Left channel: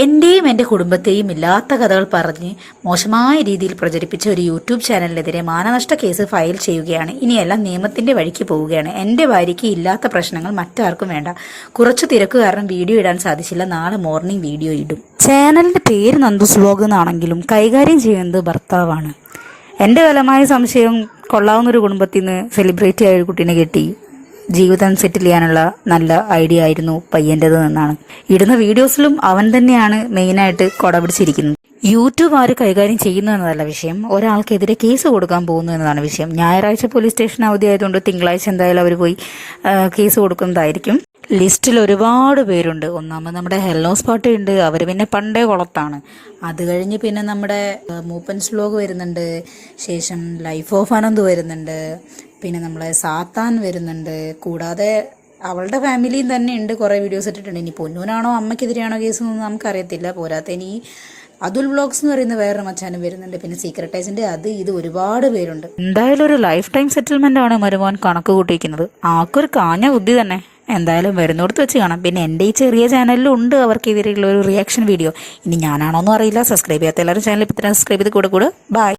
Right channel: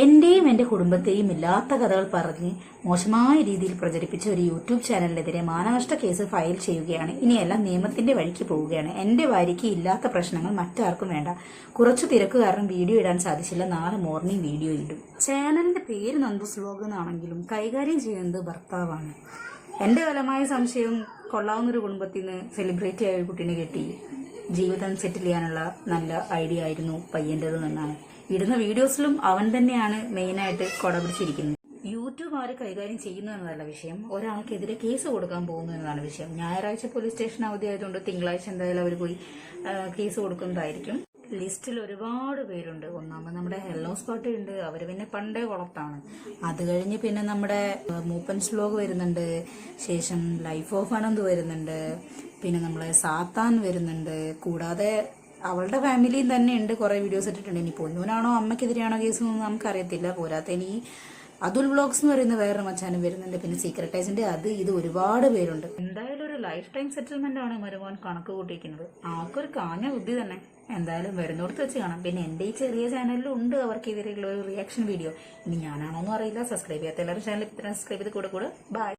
എന്റെയും എൻ്റെ കുടുംബത്തെയും ഇല്ലാത്ത കഥകൾ പറഞ്ഞ് മോശമായ രീതിയിൽ പ്രചരിപ്പിച്ച ഒരു യൂട്യൂബ് ചാനലിനെതിരെ മാനനഷ്ട കേസ് ഫയൽ ചെയ്യുകയാണ്. ഇനിയെല്ലാം നിയമത്തിന്റെ വഴിക്ക് പോവുകയാണ്. എൻ്റെ ഭാര്യയ്ക്ക് ഇല്ലാത്ത പ്രശ്നങ്ങൾ മറ്റാർക്കും വേണ്ട. കുറച്ചു തിരക്ക് കാരണം വീഡിയോ ഇടാൻ സാധിച്ചില്ല. നാളെ മോർണിംഗ് വീഡിയോ ഇടും. ചാനലിന്റെ പേര് നന്ദുസ് വ്ലോഗ് എന്നാണെങ്കിലും കൈകാര്യം ചെയ്യുന്നത് ഭർത്താവാണ്. എൻ്റെ ബലമായ സംശയം കൊള്ളാവുന്നൊരു കുടുംബത്തിൽ നിന്ന് സെലിബ്രിറ്റി ആയ ഒരു കുട്ടീനെ കെട്ടി ജീവിതം സെറ്റിൽ ചെയ്യാനുള്ള നല്ല ഐഡിയ ആയിരുന്നു പയ്യൻ്റെത് എന്നാണ്. ഇടുന്ന വീഡിയോസിലും അവൻ തന്നെയാണ് മെയിനായിട്ട് കൊട പിടിച്ചിരിക്കുന്നത്. യൂട്യൂബ് ആര് കൈകാര്യം ചെയ്യുന്നു എന്നതല്ല വിഷയം, ഒരാൾക്കെതിരെ കേസ് കൊടുക്കാൻ പോകുന്നു എന്നതാണ് വിഷയം. ഞായറാഴ്ച പോലീസ് സ്റ്റേഷൻ അവധി ആയതുകൊണ്ട് തിങ്കളാഴ്ച എന്തായാലും അവർ പോയി കേസ് കൊടുക്കുന്നതായിരിക്കും. ലിസ്റ്റിൽ ഒരുപാട് പേരുണ്ട്. ഒന്നാമത് നമ്മുടെ ഹെല്ലോസ് പാർട്ടിയുണ്ട്, അവർ പിന്നെ പണ്ടേ കുളത്താണ്. അത് കഴിഞ്ഞ് പിന്നെ നമ്മുടെ മൂപ്പൻസ് വ്ലോഗ് വരുന്നുണ്ട്, ശേഷം ലൈഫ് ഓഫ് അനന്ത് വരുന്നുണ്ട്, പിന്നെ നമ്മളെ സാത്താൻ വരുന്നുണ്ട്. കൂടാതെ അവളുടെ ഫാമിലിയും തന്നെ ഉണ്ട്, കുറേ വീഡിയോസ് ഇട്ടിട്ടുണ്ട്. ഇനി പൊന്നൂനാണോ അമ്മയ്ക്കെതിരെയാണോ കേസ് എന്നൊന്നും നമുക്കറിയത്തില്ല. പോരാത്ത ഇനി അതുൽ വ്ലോഗ്സ് എന്ന് പറയുന്ന വേറൊരു മച്ചാനും വരുന്നുണ്ട്, പിന്നെ സീക്രട്ട് ഏജന്റ്, അത് ഇത് ഒരുപാട് പേരുണ്ട്. എന്തായാലും ഒരു ലൈഫ് ടൈം സെറ്റിൽമെന്റ് ആണ് മരുമോൻ കണക്ക് കൂട്ടിയിരിക്കുന്നത്. ആൾക്കൊരു കാഞ്ഞ ബുദ്ധി തന്നെ. എന്തായാലും വരുന്നിടത്ത് വെച്ച് കാണാം. പിന്നെ എൻ്റെ ഈ ചെറിയ ചാനലിലും ഉണ്ട് അവർക്കെതിരെയുള്ള ഒരു റിയാക്ഷൻ വീഡിയോ. ഇനി ഞാനാണോന്നും അറിയില്ല. സബ്സ്ക്രൈബ് ചെയ്യാത്ത എല്ലാവരും ചാനൽ ഇപ്പോൾ തന്നെ സബ്സ്ക്രൈബ് ചെയ്ത് കൂടെ ബൈ.